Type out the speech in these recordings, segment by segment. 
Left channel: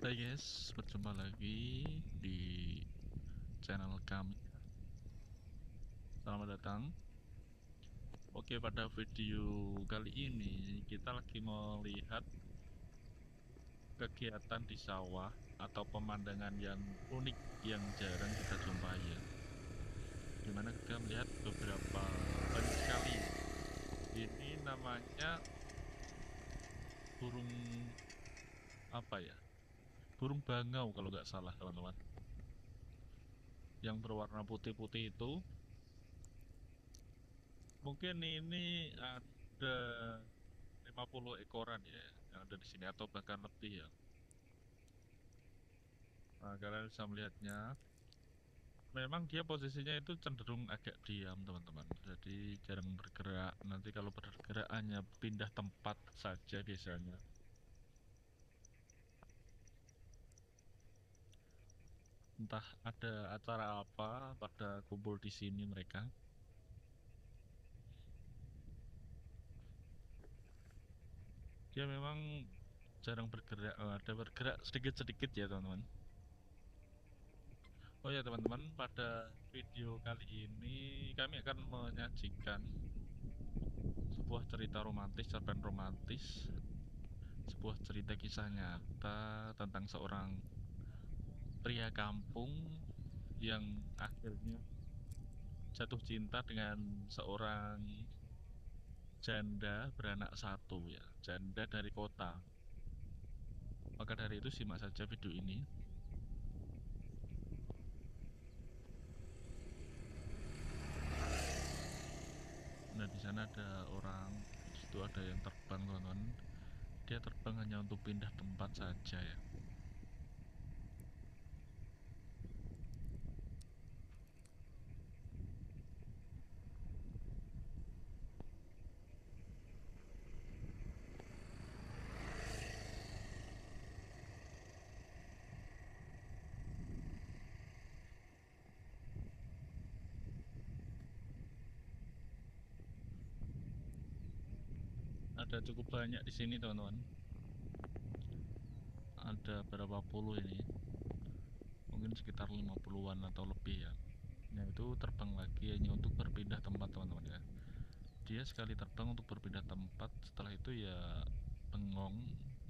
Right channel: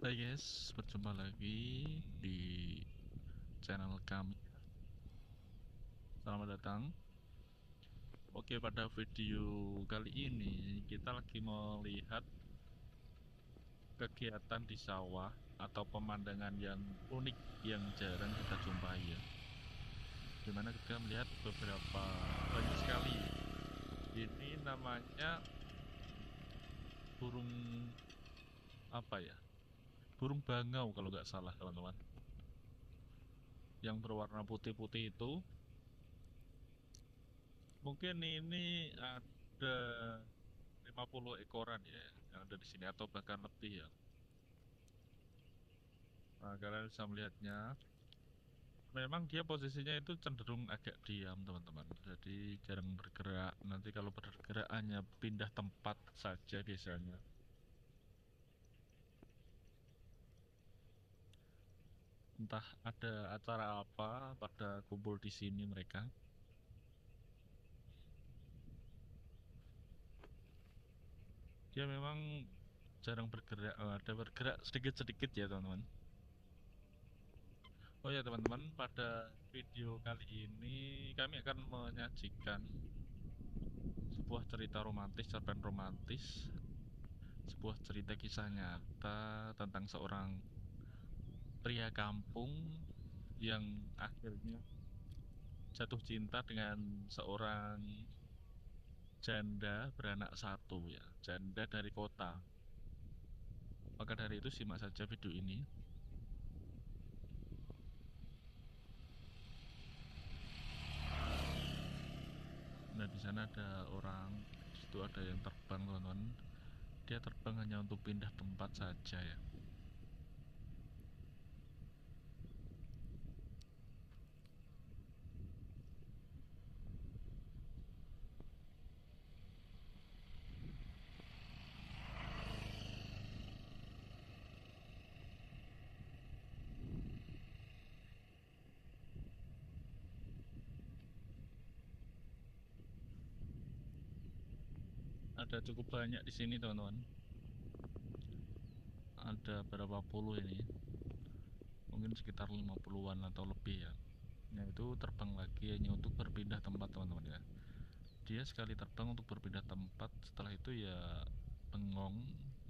Hai guys, berjumpa lagi di channel kami. Selamat datang. Oke, pada video kali ini kita lagi melihat kegiatan di sawah atau pemandangan yang unik yang jarang kita jumpai ya. Dimana kita melihat beberapa banyak sekali. Ini namanya burung apa ya? Burung bangau kalau nggak salah teman-teman. Yang berwarna putih-putih itu mungkin ini ada 50 ekoran ya yang ada di sini atau bahkan lebih ya. Nah, kalian bisa melihatnya. Memang dia posisinya itu cenderung agak diam, teman-teman. Jadi jarang bergerak. Nanti kalau bergerak hanya pindah tempat saja biasanya. Entah ada acara apa pada kumpul di sini mereka. Dia memang jarang bergerak. Ada bergerak sedikit-sedikit ya, teman-teman. Oh ya, teman-teman, pada video kali ini kami akan menyajikan sebuah cerita romantis, cerpen romantis, sebuah cerita kisah nyata tentang seorang pria kampung yang akhirnya jatuh cinta dengan seorang janda beranak satu ya, janda dari kota. Maka dari itu simak saja video ini. Nah, di sana ada orang, di situ ada yang terbang, teman-teman. Dia terbang hanya untuk pindah tempat saja ya. Ada cukup banyak di sini, teman-teman. Ada berapa puluh ini? Mungkin sekitar 50-an atau lebih ya. Nah, itu terbang lagi hanya untuk berpindah tempat, teman-teman ya. Dia sekali terbang untuk berpindah tempat, setelah itu ya bengong,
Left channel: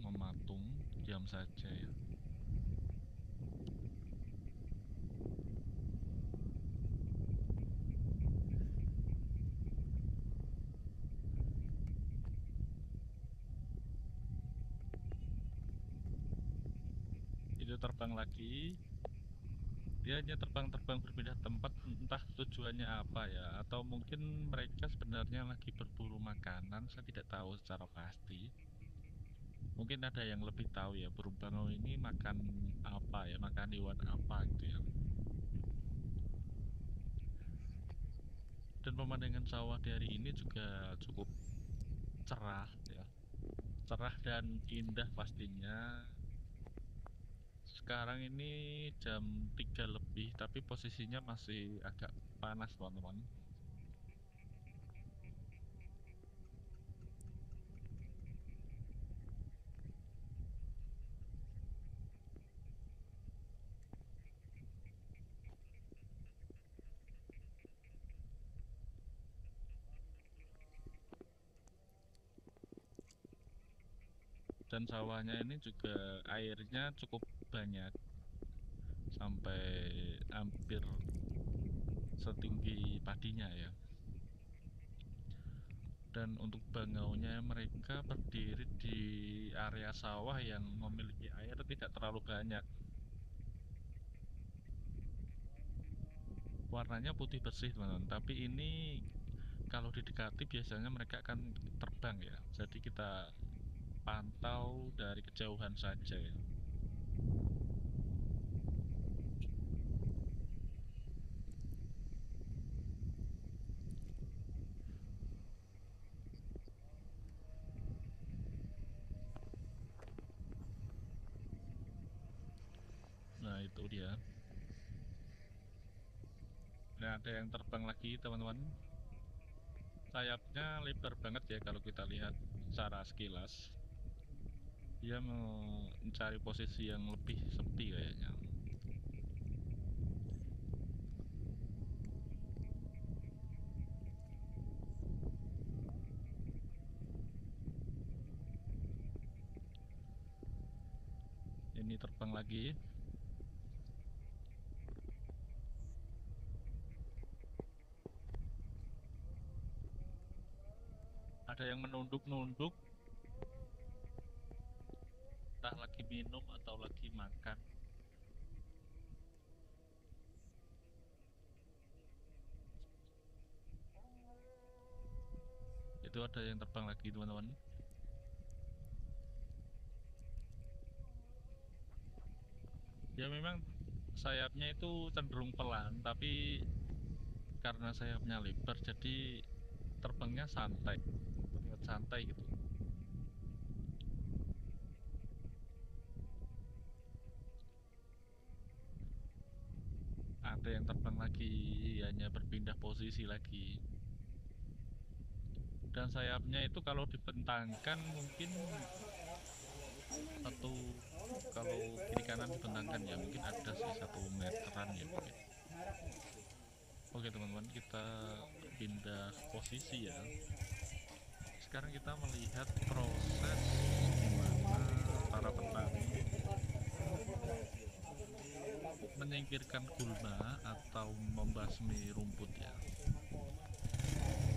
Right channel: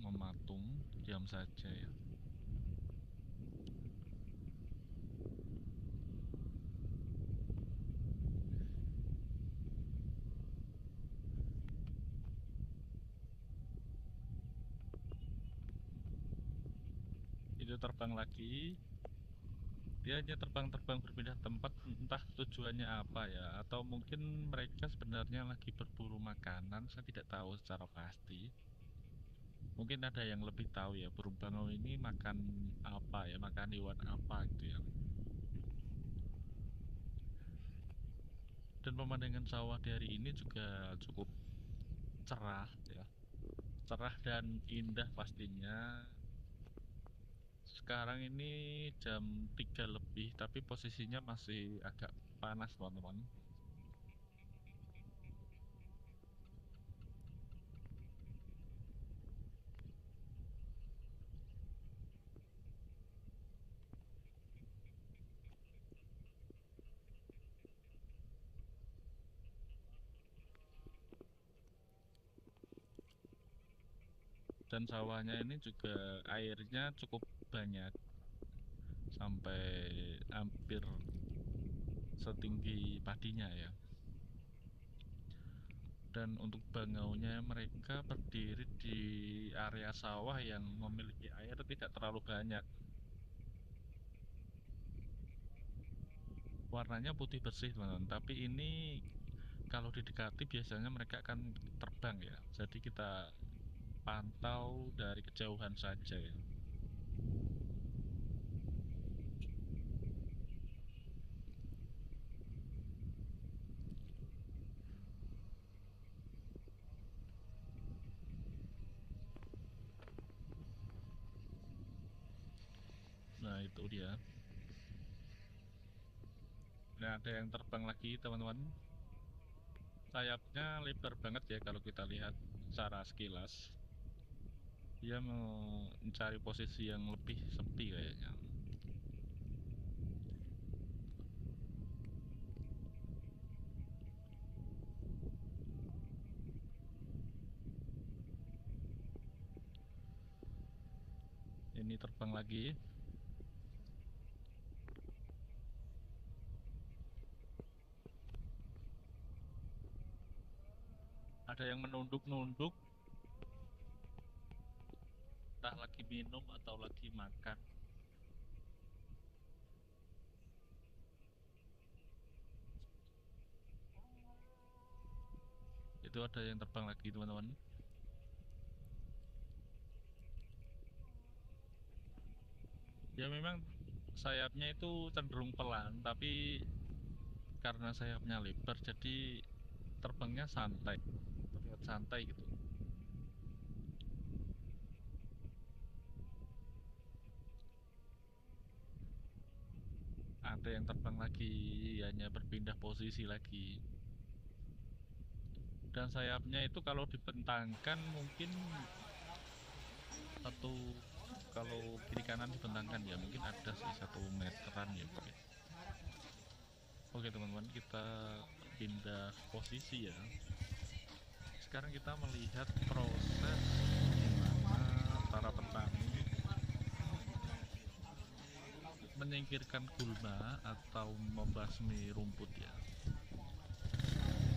mematung, diam saja ya. Itu terbang lagi, dia hanya terbang-terbang berpindah tempat, entah tujuannya apa ya, atau mungkin mereka sebenarnya lagi berburu makanan, saya tidak tahu secara pasti. Mungkin ada yang lebih tahu ya, burung bangau ini makan apa ya, makan hewan apa gitu ya. Dan pemandangan sawah di hari ini juga cukup cerah ya, cerah dan indah pastinya. Sekarang ini jam 3 lebih, tapi posisinya masih agak panas, teman-teman. Dan sawahnya ini juga airnya cukup banyak, sampai hampir setinggi padinya ya. Dan untuk bangaunya mereka berdiri di area sawah yang memiliki air tidak terlalu banyak. Warnanya putih bersih, teman-teman. Tapi ini kalau didekati biasanya mereka akan terbang ya. Jadi kita pantau dari kejauhan saja ya. Nah, itu dia. Nah, ada yang terbang lagi, teman-teman. Sayapnya lebar banget ya kalau kita lihat secara sekilas. Dia mau mencari posisi yang lebih sepi kayaknya. Ini terbang lagi. Ada yang menunduk-nunduk, entah lagi minum atau lagi makan. Itu ada yang terbang lagi, teman-teman. Ya memang sayapnya itu cenderung pelan, tapi karena sayapnya lebar jadi terbangnya santai, terlihat santai gitu. Ada yang terbang lagi, hanya berpindah posisi lagi. Dan sayapnya itu kalau dibentangkan mungkin satu, kalau kiri kanan dibentangkan ya mungkin ada sih 1 meteran ya mungkin. Oke teman-teman, kita pindah posisi ya. Sekarang kita melihat proses gimana para petani menyingkirkan gulma atau membasmi rumput ya.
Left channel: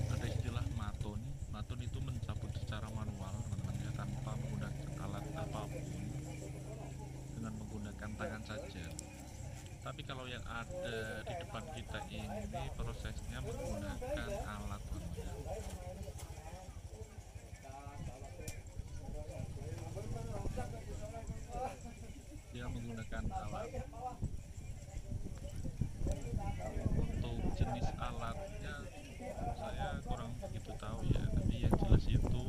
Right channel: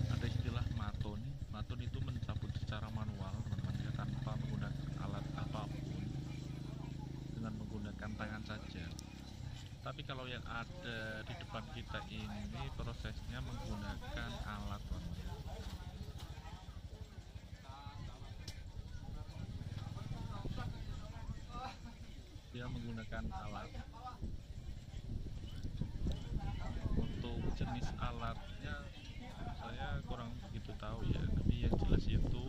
Ada istilah matun. Matun itu mencabut secara manual teman-teman ya, tanpa menggunakan alat apapun, dengan menggunakan tangan saja. Tapi kalau yang ada di depan kita ini prosesnya menggunakan alat teman-teman ya. Dia menggunakan alat. Untuk jenis alatnya saya kurang begitu tahu ya, tapi yang jelas itu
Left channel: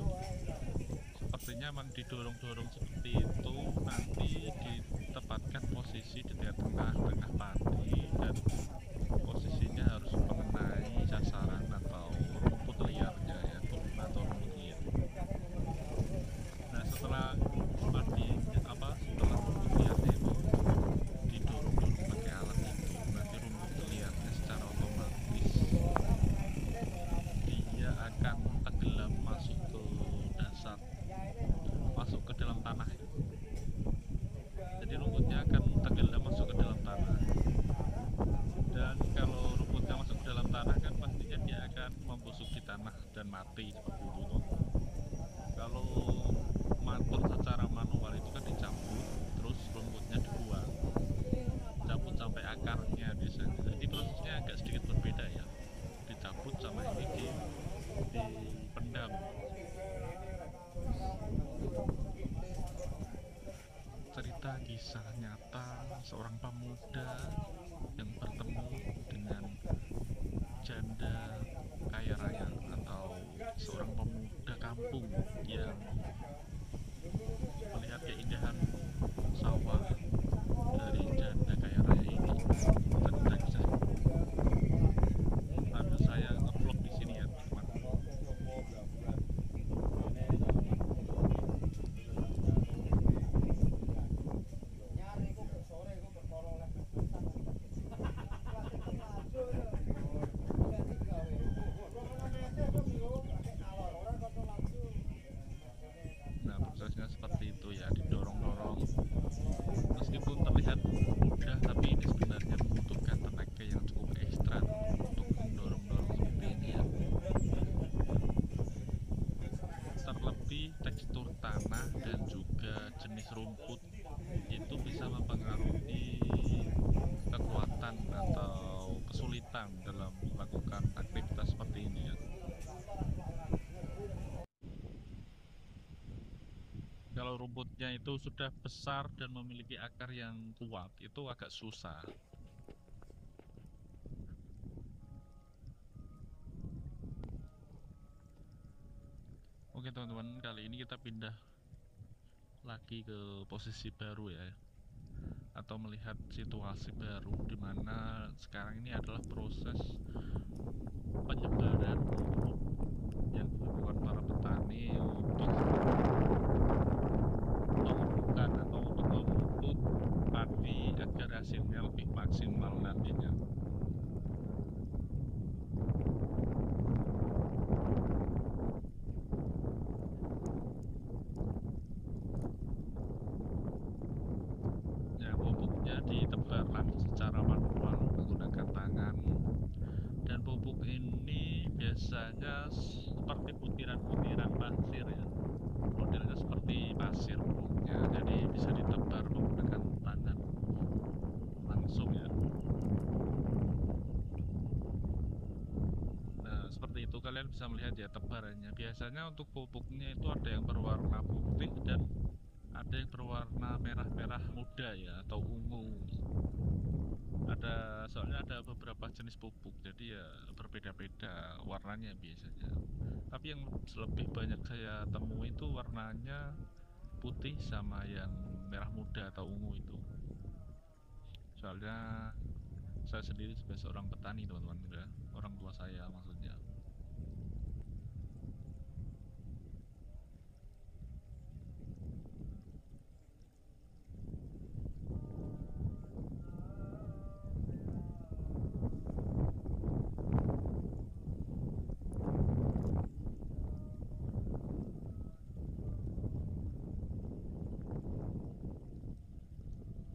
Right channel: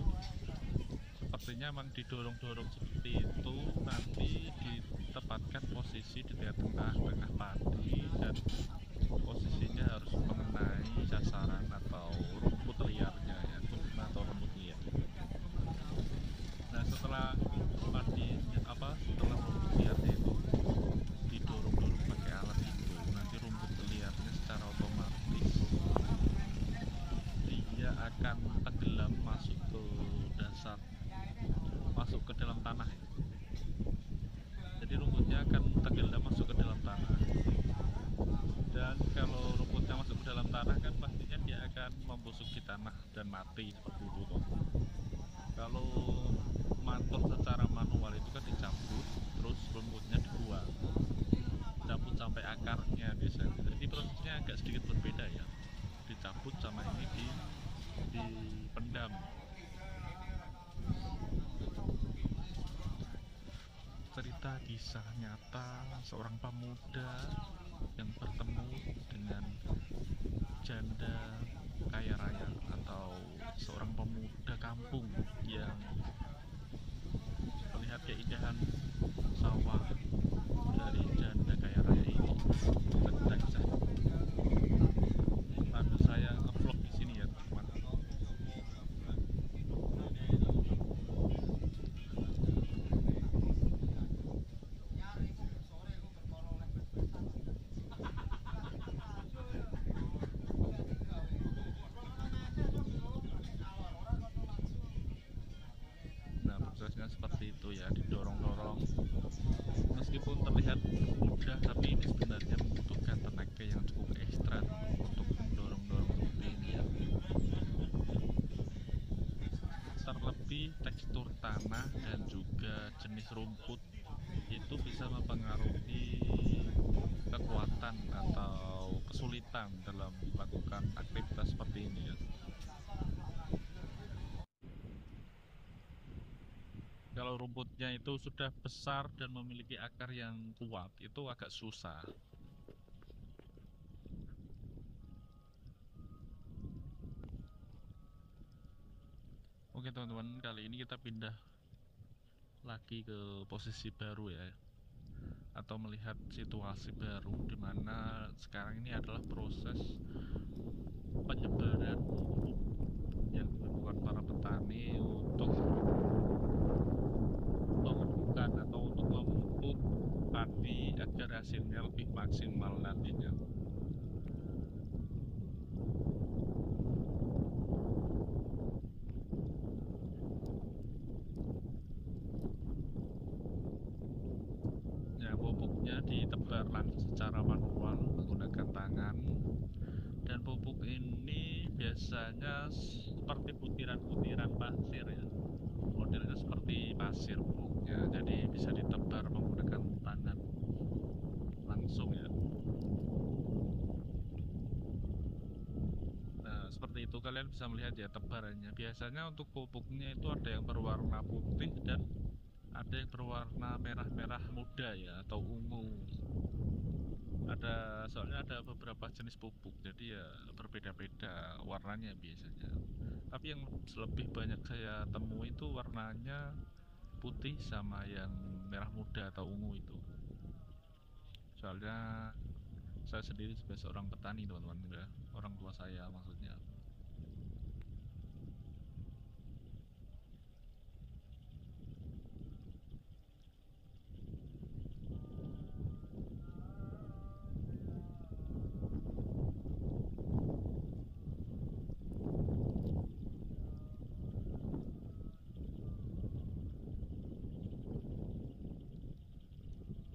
sepertinya memang didorong-dorong seperti itu, nanti ditempatkan posisi di tengah-tengah padi dan posisinya harus mengenai sasaran atau rumput liarnya ya, gulma atau rumput liar. Nah setelah setelah rumput liarnya itu didorong-dorong pakai alat itu, nanti rumput liarnya secara otomatis dia akan tenggelam masuk ke dasar, masuk ke dalam tanah ya. Jadi rumputnya akan tenggelam masuk ke dalam tanah. Dan kalau rumputnya masuk ke dalam tanah kan pastinya dia akan membusuk di tanah dan mati seperti itu toh. Kalau matun secara manual itu kan dicabut, terus rumputnya dibuang, cabut sampai akarnya biasanya. Jadi prosesnya agak sedikit berbeda ya. Dicabut sama ini dipendam. Cerita kisah nyata seorang pemuda yang bertemu dengan janda kaya raya, atau seorang pemuda kampung yang melihat keindahan sawah dari janda kaya raya ini. Cerita kisah sambil saya ngevlog di sini ya teman-teman. Nah prosesnya seperti itu ya, didorong-dorong. Meskipun terlihat mudah, tapi ini sebenarnya membutuhkan tenaga yang cukup ekstra untuk mendorong-dorong seperti ini ya. Terlebih tekstur tanah dan juga jenis rumput itu bisa mempengaruhi kekuatan atau kesulitan dalam melakukan aktivitas seperti ini ya. Kalau rumputnya itu sudah besar dan memiliki akar yang kuat, itu agak susah. Oke teman-teman, kali ini kita pindah lagi ke posisi baru ya, atau melihat situasi baru di mana sekarang ini adalah proses penyebaran pupuk yang dilakukan para petani untuk hasilnya lebih maksimal nantinya. Ya, pupuknya ditebar langsung secara manual menggunakan tangan, dan pupuk ini biasanya seperti butiran-butiran pasir ya, modelnya seperti pasir pupuknya, jadi bisa ditebar menggunakan tangan langsung ya. Nah, seperti itu kalian bisa melihat ya tebarannya. Biasanya untuk pupuknya itu ada yang berwarna putih dan ada yang berwarna merah-merah muda ya, atau ungu. Soalnya ada beberapa jenis pupuk, jadi ya berbeda-beda warnanya biasanya. Tapi yang lebih banyak saya temui itu warnanya putih sama yang merah muda atau ungu itu. Soalnya saya sendiri juga seorang petani teman-teman ya, orang tua saya maksudnya.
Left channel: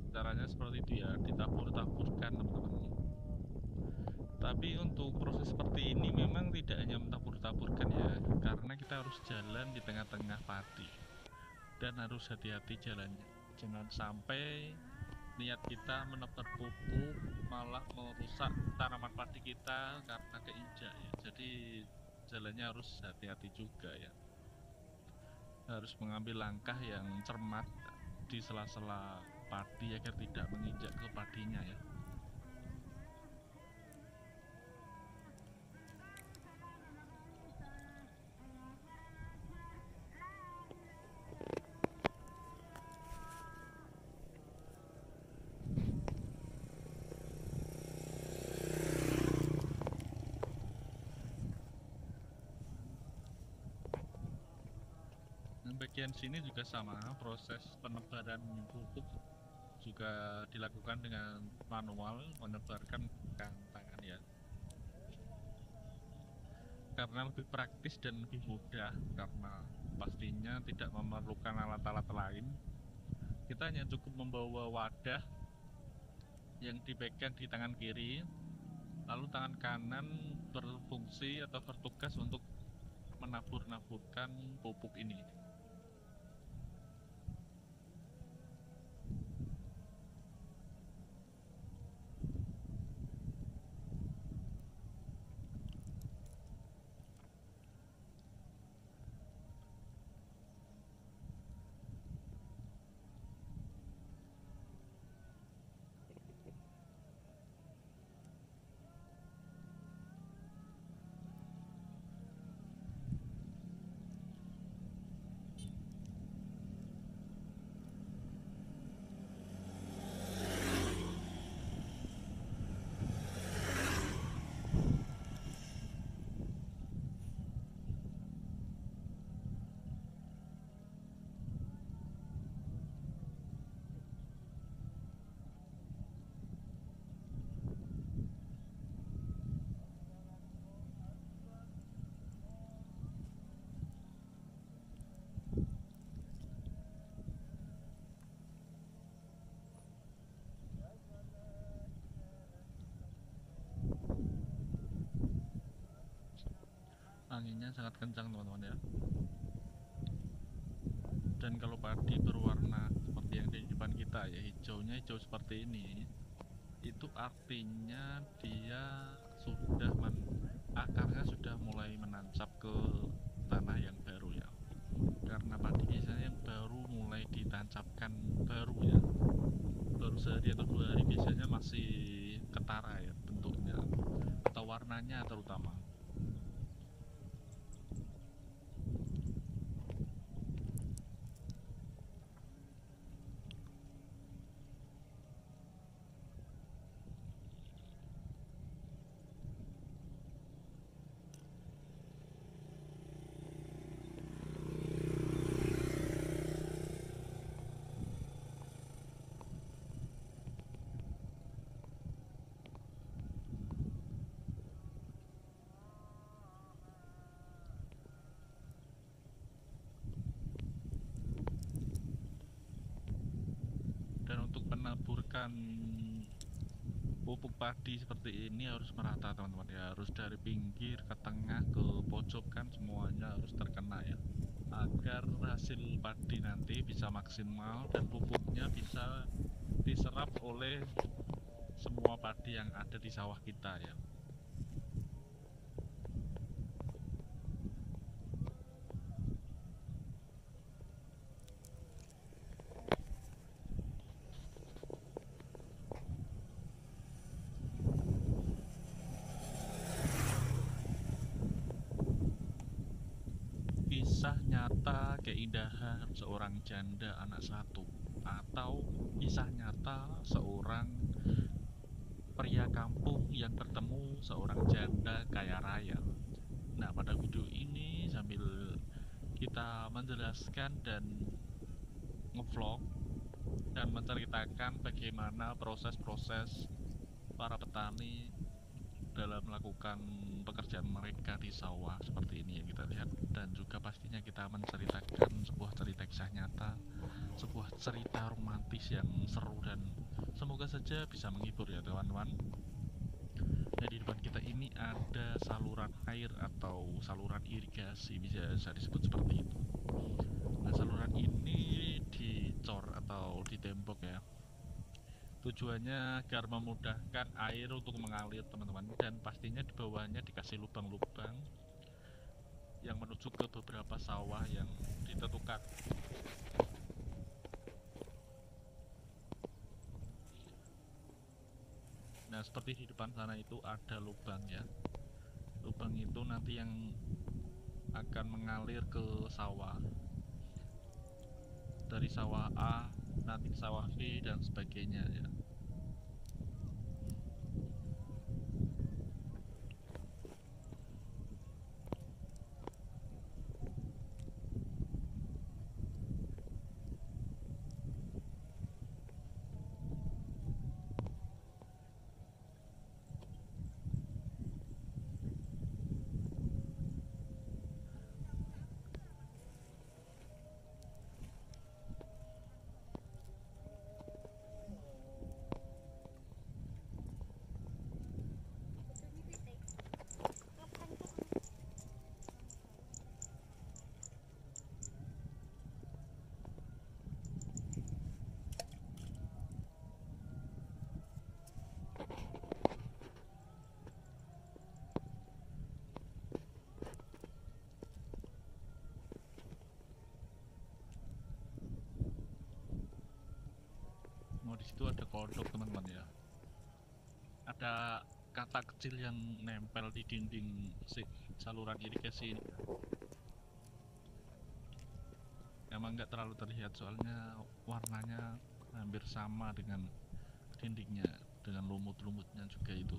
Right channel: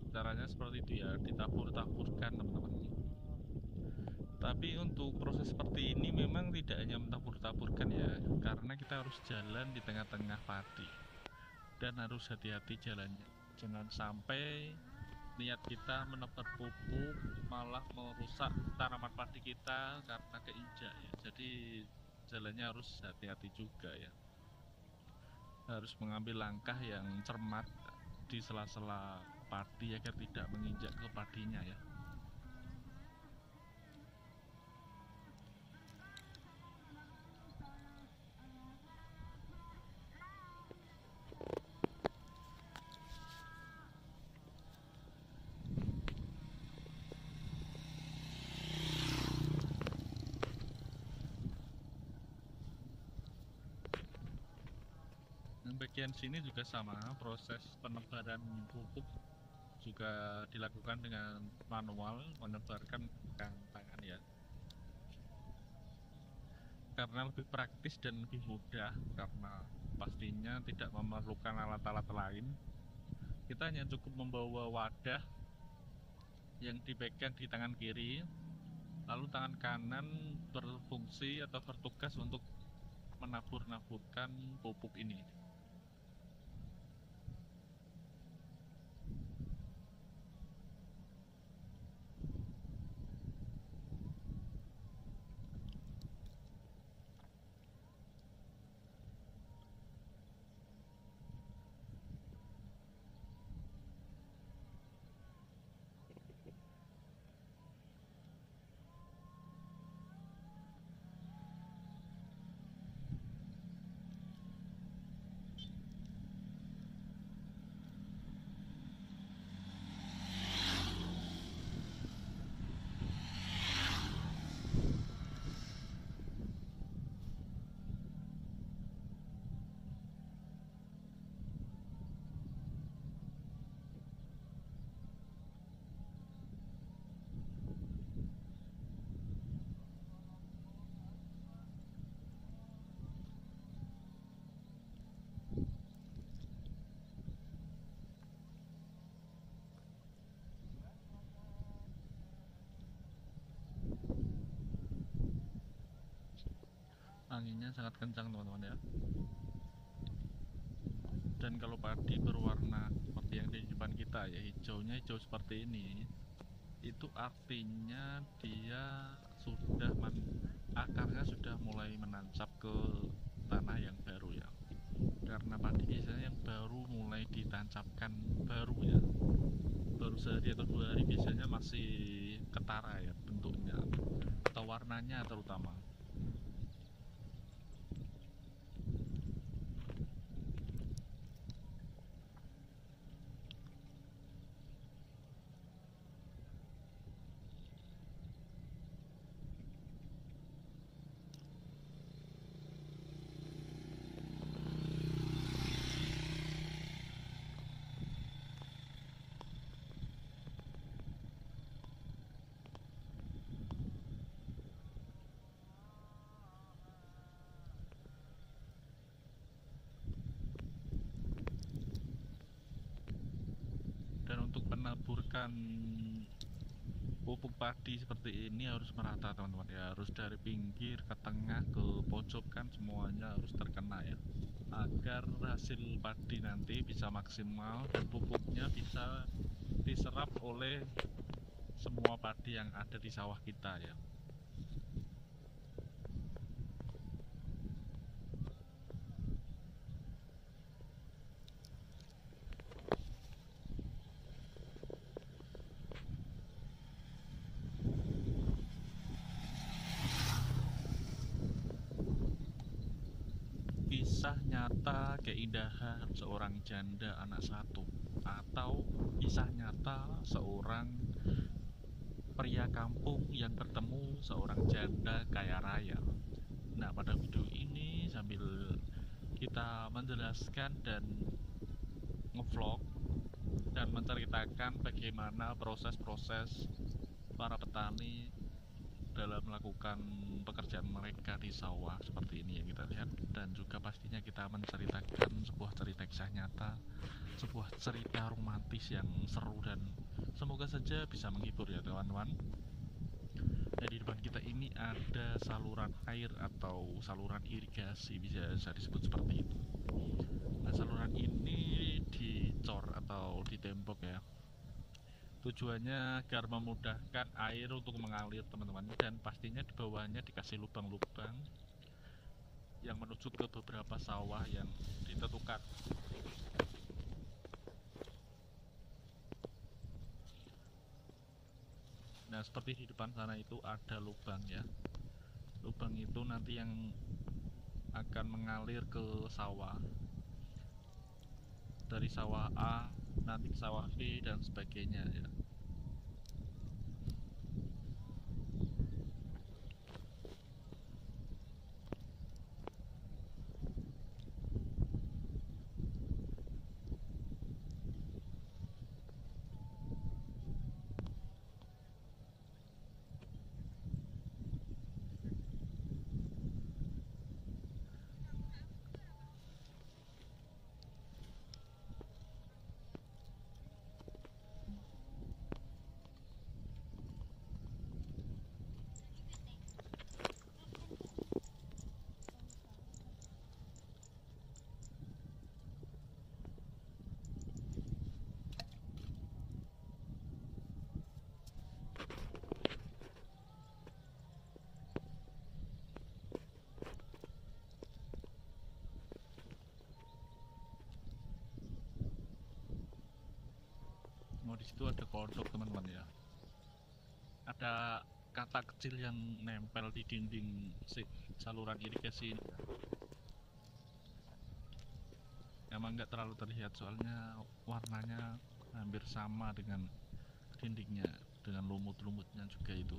Caranya seperti itu ya, ditabur-taburkan teman-teman. Tapi untuk proses seperti ini memang tidak hanya mentabur-taburkan ya, karena kita harus jalan di tengah-tengah padi dan harus hati-hati jalannya. Jangan sampai niat kita menebar pupuk malah merusak tanaman padi kita karena keinjak ya. Jadi jalannya harus hati-hati juga ya. Harus mengambil langkah yang cermat di sela-sela padi agar tidak menginjak ke padinya ya. Bagian sini juga sama, proses penebaran pupuk juga dilakukan dengan manual, menebarkan dengan tangan ya, karena lebih praktis dan lebih mudah, karena pastinya tidak memerlukan alat-alat lain. Kita hanya cukup membawa wadah yang dipegang di tangan kiri, lalu tangan kanan berfungsi atau bertugas untuk menabur-naburkan pupuk ini. Anginnya sangat kencang teman-teman ya. Dan kalau padi berwarna seperti yang di depan kita ya, hijaunya hijau seperti ini, itu artinya dia akarnya sudah mulai menancap ke tanah yang baru ya. Karena padi biasanya yang baru mulai ditancapkan baru ya, baru sehari atau 2 hari biasanya masih ketara ya bentuknya atau warnanya terutama. Dan untuk menaburkan pupuk padi seperti ini harus merata teman-teman ya, harus dari pinggir ke tengah ke pojok kan semuanya harus terkena ya, agar hasil padi nanti bisa maksimal dan pupuknya bisa diserap oleh semua padi yang ada di sawah kita ya. Kisah nyata keindahan seorang janda anak satu, atau kisah nyata seorang pria kampung yang bertemu seorang janda kaya raya. Nah, pada video ini sambil kita menjelaskan dan ngevlog dan menceritakan bagaimana proses-proses para petani dalam melakukan pekerjaan mereka di sawah seperti ini yang kita lihat, dan juga pastinya kita menceritakan sebuah cerita kisah nyata, sebuah cerita romantis yang seru dan semoga saja bisa menghibur ya teman-teman. Nah, di depan kita ini ada saluran air atau saluran irigasi, bisa disebut seperti itu. Nah, saluran ini dicor atau ditembok ya. Tujuannya agar memudahkan air untuk mengalir teman-teman, dan pastinya di bawahnya dikasih lubang-lubang yang menuju ke beberapa sawah yang ditentukan. Nah, seperti di depan sana itu ada lubang ya. Lubang itu nanti yang akan mengalir ke sawah, dari sawah A nanti ke sawah B dan sebagainya ya. Oh, di situ ada kodok teman-teman ya. Ada kata kecil yang nempel di dinding saluran irigasi ini ya. Emang nggak terlalu terlihat soalnya warnanya hampir sama dengan dindingnya, dengan lumut-lumutnya juga itu.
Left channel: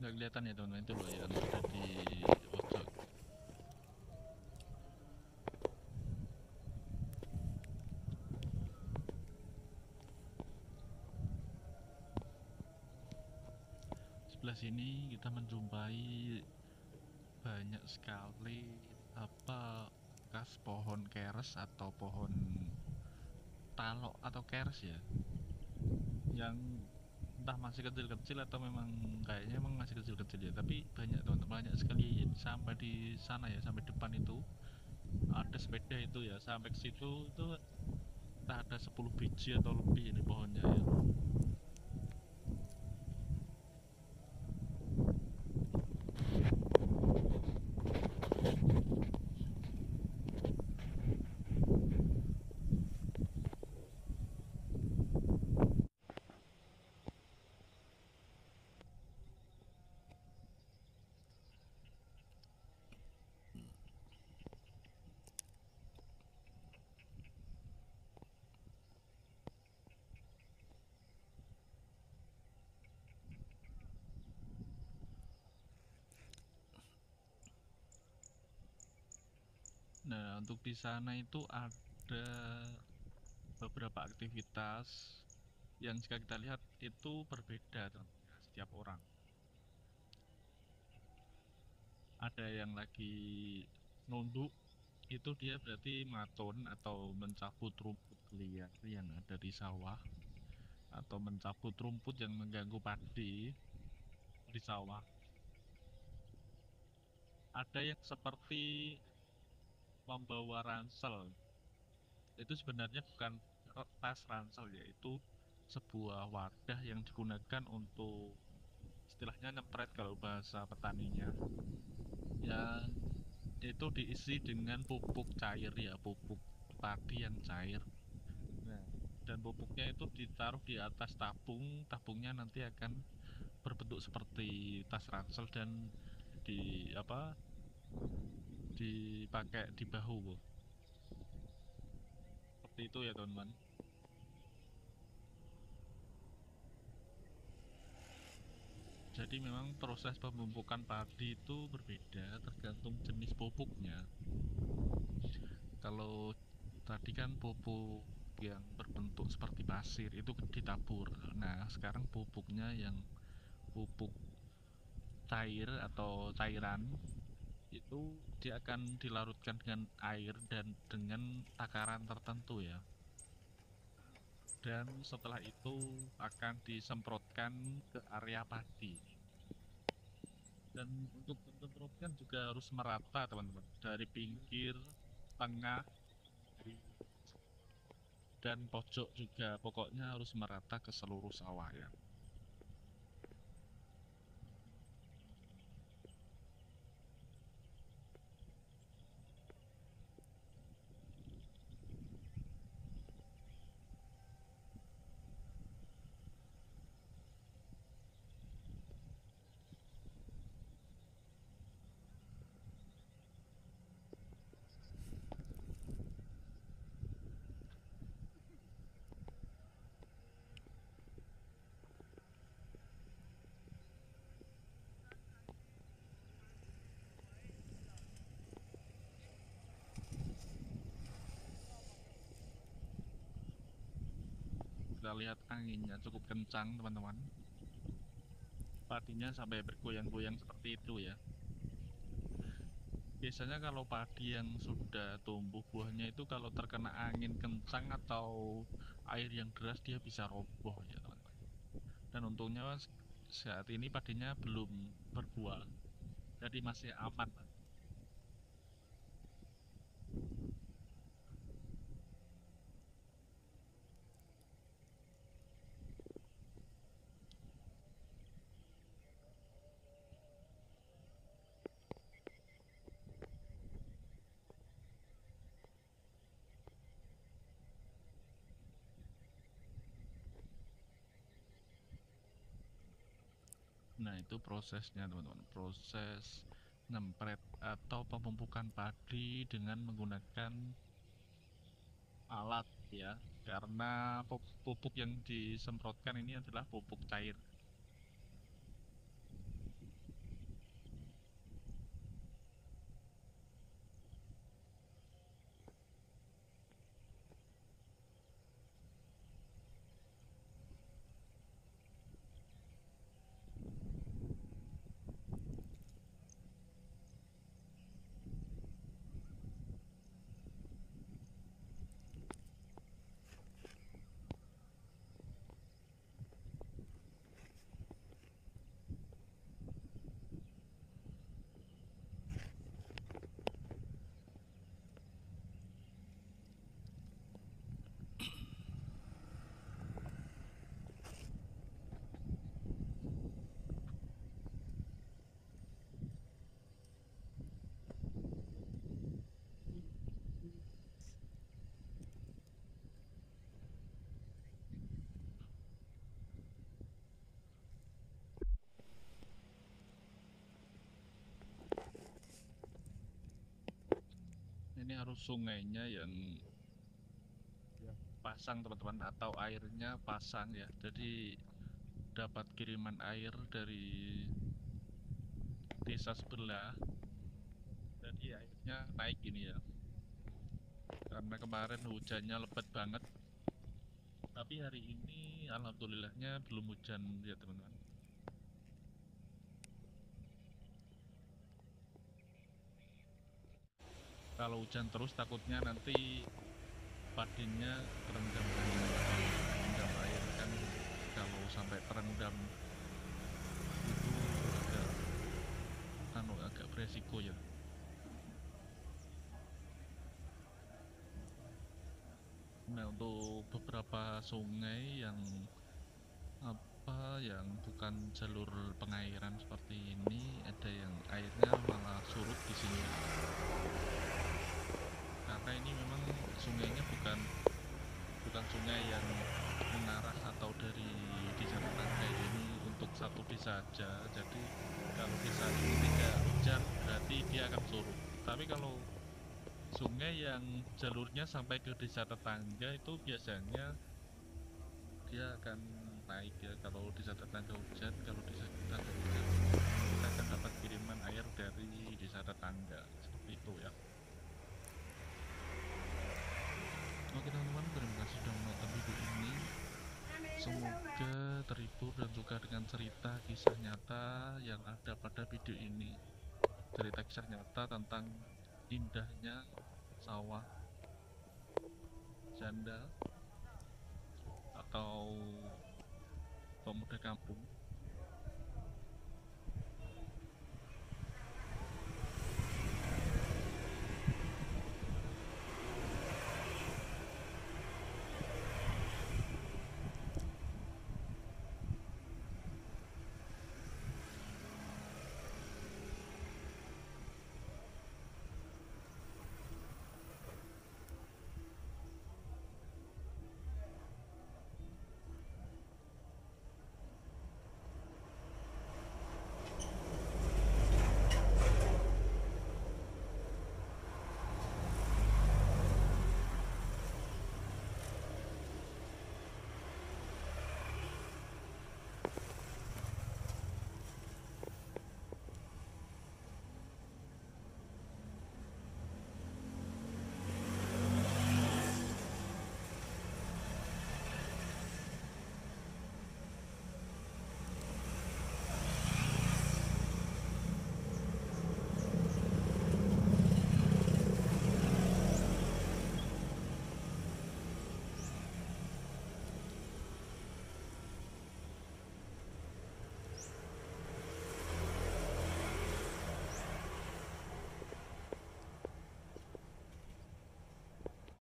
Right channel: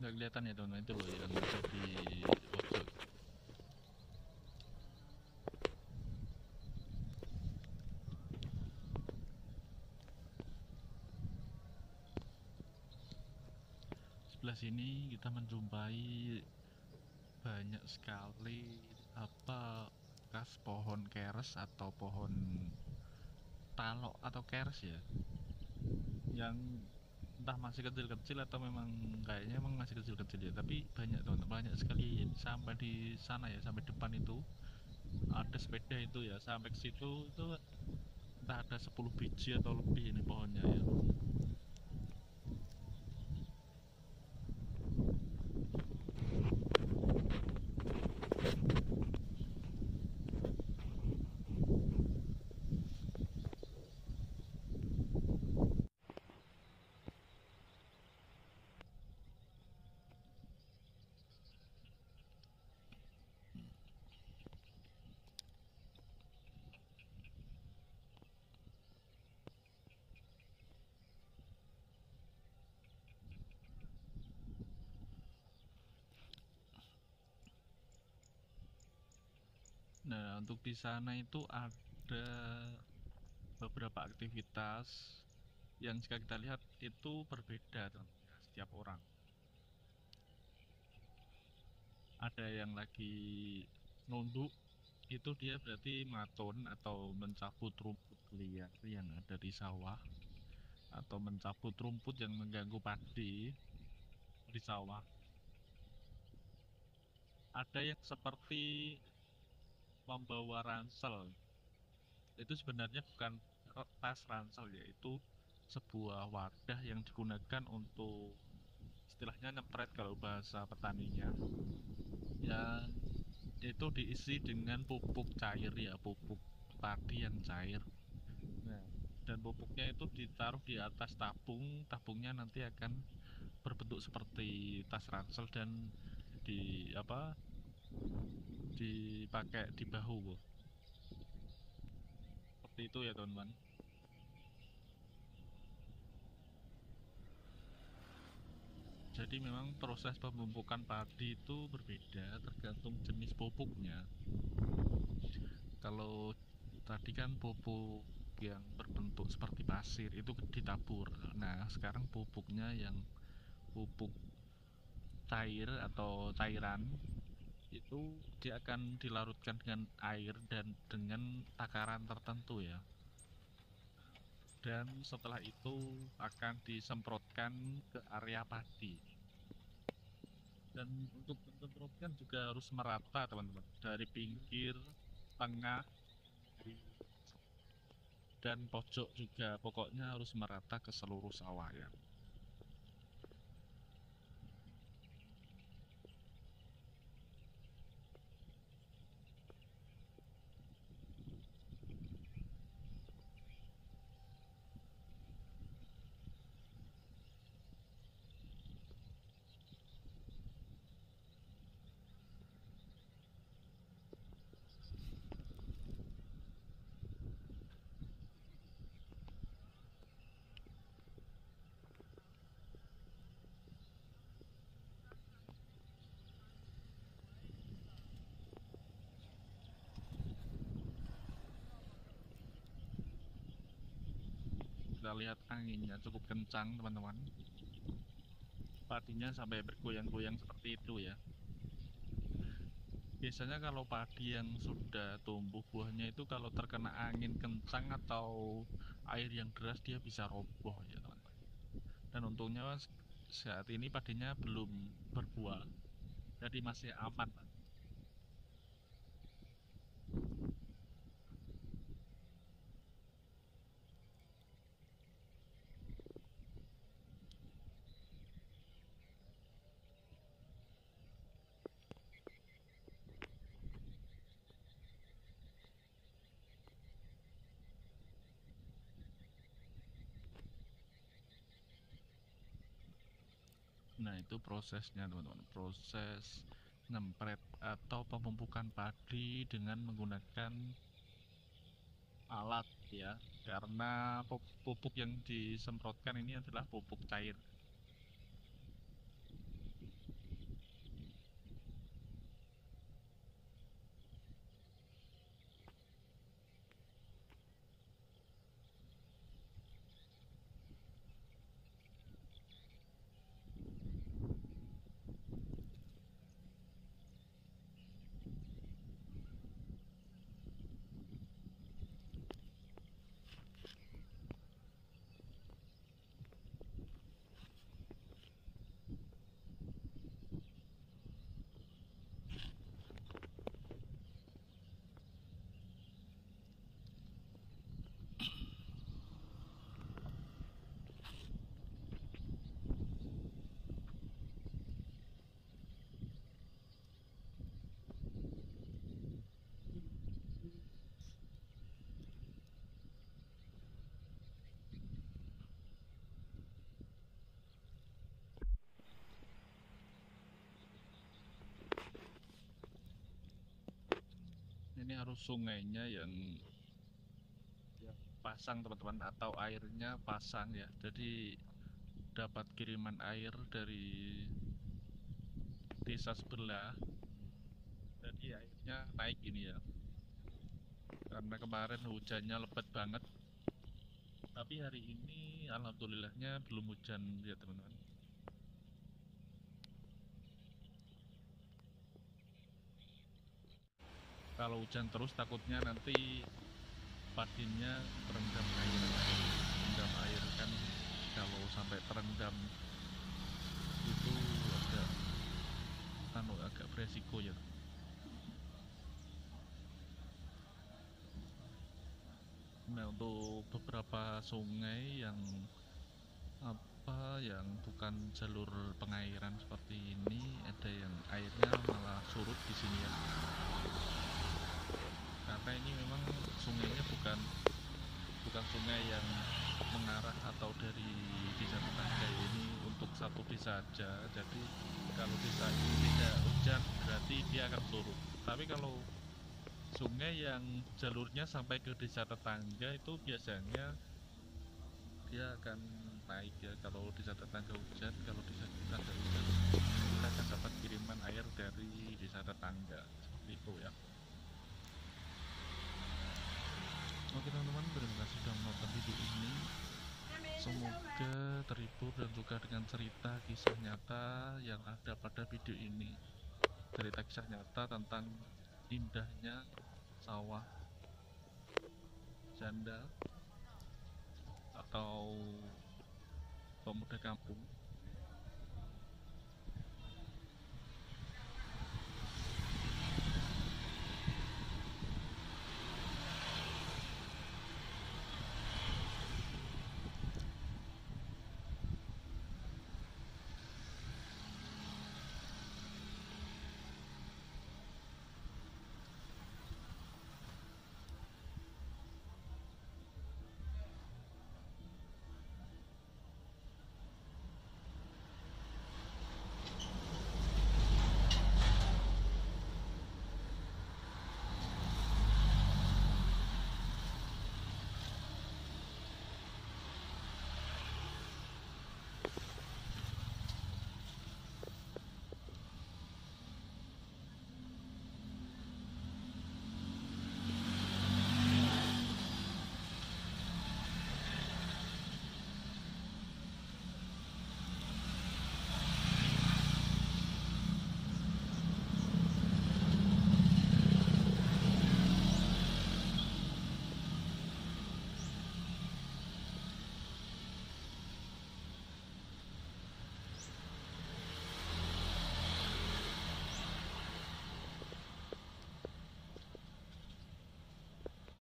Nggak kelihatan ya teman-teman, itu loh yang ada di pojok. Sebelah sini kita menjumpai banyak sekali bekas pohon keres atau pohon talok atau keres ya, yang entah masih kecil-kecil atau memang kayaknya emang masih kecil-kecil ya, tapi banyak teman-teman, banyak sekali sampai di sana ya, sampai depan itu ada sepeda itu ya, sampai ke situ itu entah ada 10 biji atau lebih ini pohonnya ya. Nah, untuk di sana itu ada beberapa aktivitas yang jika kita lihat itu berbeda teman-teman, setiap orang. ada yang lagi nunduk, itu dia berarti maton atau mencabut rumput liar yang ada di sawah, atau mencabut rumput yang mengganggu padi di sawah. Ada yang seperti membawa ransel. Itu sebenarnya bukan tas ransel, yaitu sebuah wadah yang digunakan untuk istilahnya nyempret kalau bahasa petaninya, yang itu diisi dengan pupuk cair ya, pupuk padi yang cair. Nah, dan pupuknya itu ditaruh di atas tabung. Tabungnya nanti akan berbentuk seperti tas ransel dan di apa, dipakai di bahu seperti itu ya teman-teman. Jadi memang proses pemupukan padi itu berbeda tergantung jenis pupuknya. Kalau tadi kan pupuk yang berbentuk seperti pasir itu ditabur. Nah, sekarang pupuknya yang pupuk cair atau cairan, itu dia akan dilarutkan dengan air dan dengan takaran tertentu ya. Dan setelah itu akan disemprotkan ke area padi. Dan untuk menyemprotkan juga harus merata teman-teman, dari pinggir, tengah, dan pojok juga, pokoknya harus merata ke seluruh sawah ya. Kita lihat anginnya cukup kencang teman-teman, padinya sampai bergoyang-goyang seperti itu ya. Biasanya kalau padi yang sudah tumbuh buahnya itu kalau terkena angin kencang atau air yang deras dia bisa roboh ya teman-teman. Dan untungnya saat ini padinya belum berbuah, jadi masih aman. Nah, itu prosesnya teman-teman, proses nyempret atau pemupukan padi dengan menggunakan alat ya, karena pupuk yang disemprotkan ini adalah pupuk cair. Ini harus sungainya yang pasang teman-teman, atau airnya pasang ya, jadi dapat kiriman air dari desa sebelah, jadi airnya naik ini ya, karena kemarin hujannya lebat banget. Tapi hari ini alhamdulillahnya belum hujan ya teman-teman. Kalau hujan terus takutnya nanti padinya terendam air. Terendam air kan, kalau sampai terendam itu agak beresiko ya. Nah, untuk beberapa sungai yang bukan jalur pengairan seperti ini, ada yang airnya malah surut di sini ya. Karena ini memang sungainya bukan sungai yang mengarah atau dari desa tetangga, ini untuk satu desa saja. Jadi kalau desa ini tidak hujan berarti dia akan surut. Tapi kalau sungai yang jalurnya sampai ke desa tetangga itu biasanya dia akan naik ya. Kalau desa tetangga hujan, kalau desa kita ada hujan, kita akan dapat kiriman air dari desa tetangga, seperti itu ya. Oke teman-teman, terima kasih sudah menonton video ini. Semoga terhibur dan suka dengan cerita kisah nyata yang ada pada video ini. Cerita kisah nyata tentang indahnya sawah janda atau pemuda kampung